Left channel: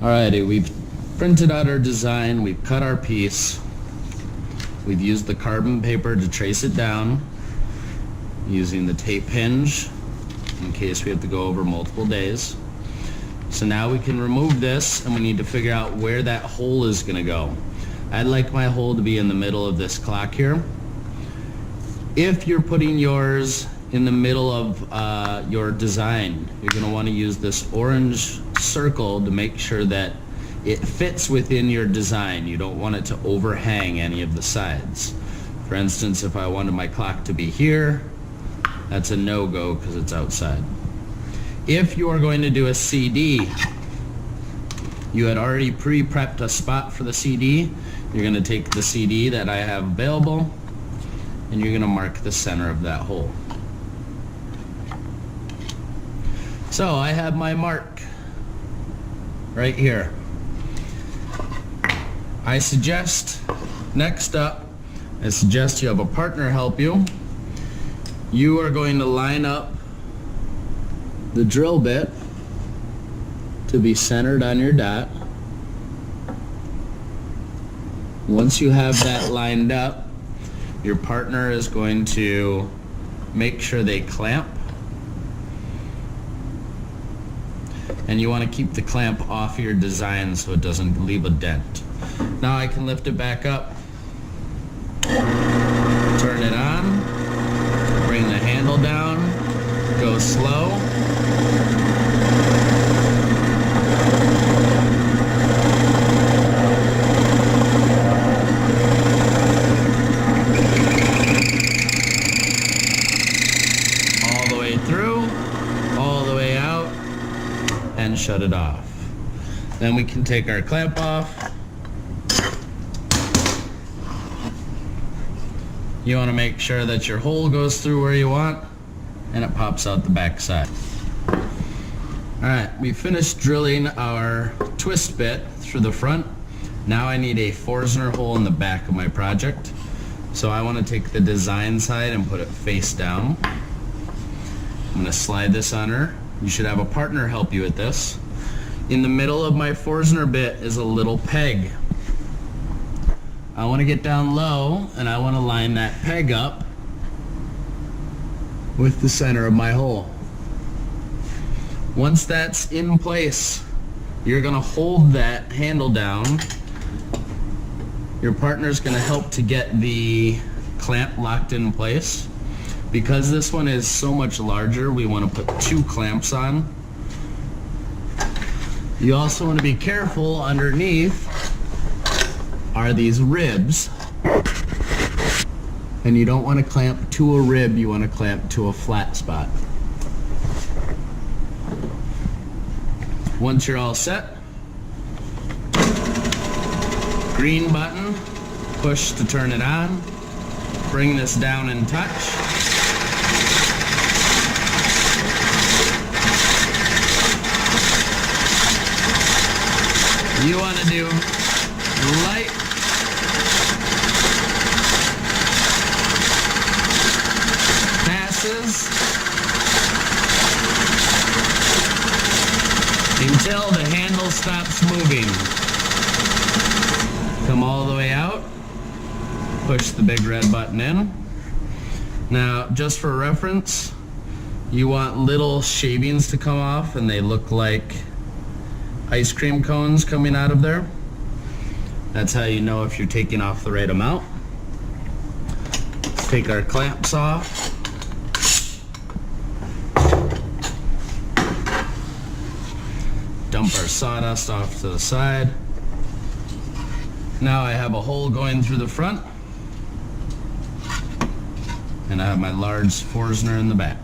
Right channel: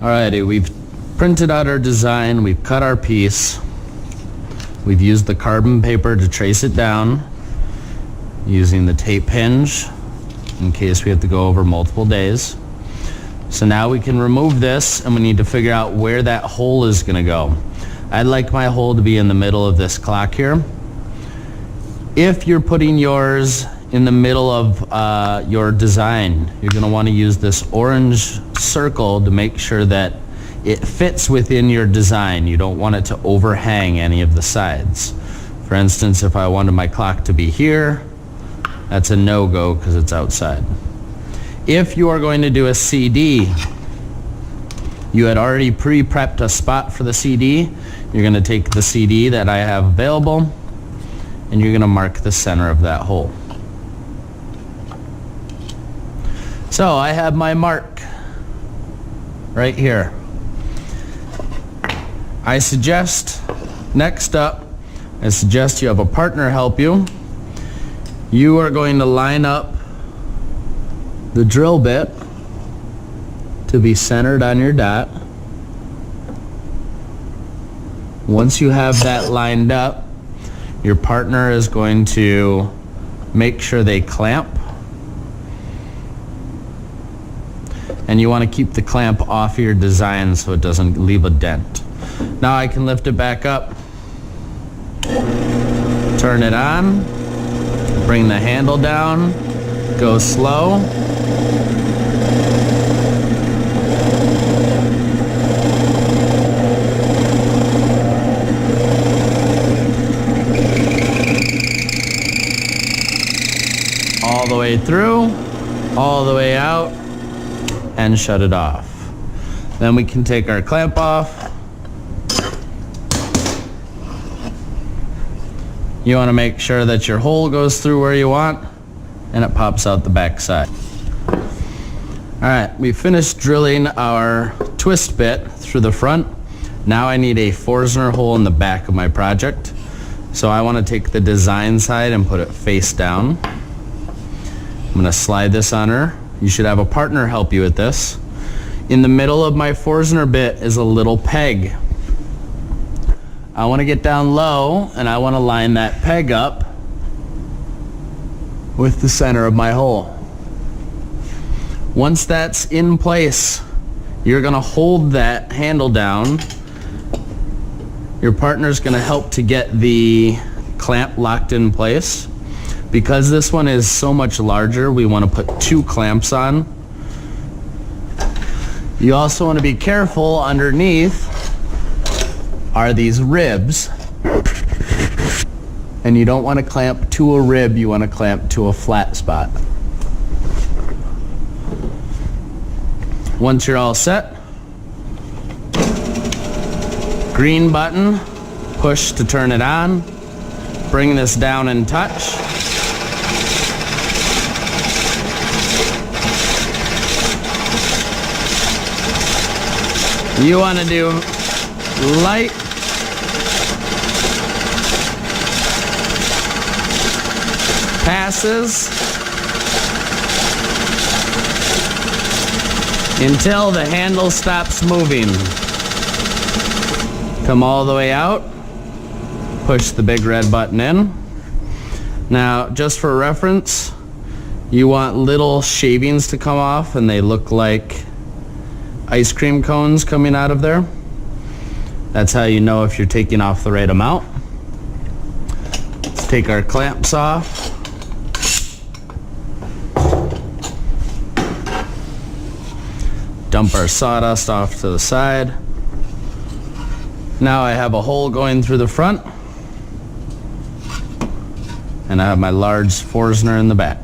Alrighty, we've printed out our design, we've cut our piece, we've used the carbon paper to trace it down using the tape hinge in case we have to go over multiple days. So now we can remove this and we need to figure out where that hole is going to go. I'd like my hole to be in the middle of this clock here. If you're putting yours in the middle of your design, you're going to want to use this orange circle to make sure that it fits within your design. You don't want it to overhang any of the sides. For instance, if I wanted my clock to be here, that's a no-go because it's outside. If you are going to do a CD, you had already pre-prepped a spot for the CD. You're going to take the CD that I have available and you're going to mark the center of that hole. So I have my mark right here. Next up, I suggest you have a partner help you. You are going to line up the drill bit to be centered on your dot. Once you have that lined up, your partner is going to make sure they clamp. And you want to keep the clamp off your design so it doesn't leave a dent. Now I can lift it back up, turn it on, bring the handle down, go slow. All the way through, all the way out, and shut it off. Then we can take our clamp off. You want to make sure that your hole goes through where you want and it pops out the back side. Alright, we finished drilling our twist bit through the front. Now I need a Forstner hole in the back of my project. So I want to take the design side and put it face down. I'm going to slide this on her. You should have a partner help you with this. In the middle of my Forstner bit is a little peg. I want to get down low and I want to line that peg up with the center of my hole. Once that's in place, you're going to hold that handle down. Your partner's going to help to get the clamp locked in place. Because this one is so much larger, we want to put 2 clamps on. You also want to be careful underneath are these ribs. And you don't want to clamp to a rib, you want to clamp to a flat spot. Once you're all set, green button, push to turn it on, bring this down and touch. You want to do light passes until the handle stops moving. Come all the way out, push the big red button in. Now, just for reference, you want little shavings to come off and they look like ice cream cones coming out of there. That's how you know if you're taking off the right amount. Let's take our clamps off. Dump our sawdust off to the side. Now I have a hole going through the front and I have my large Forstner in the back.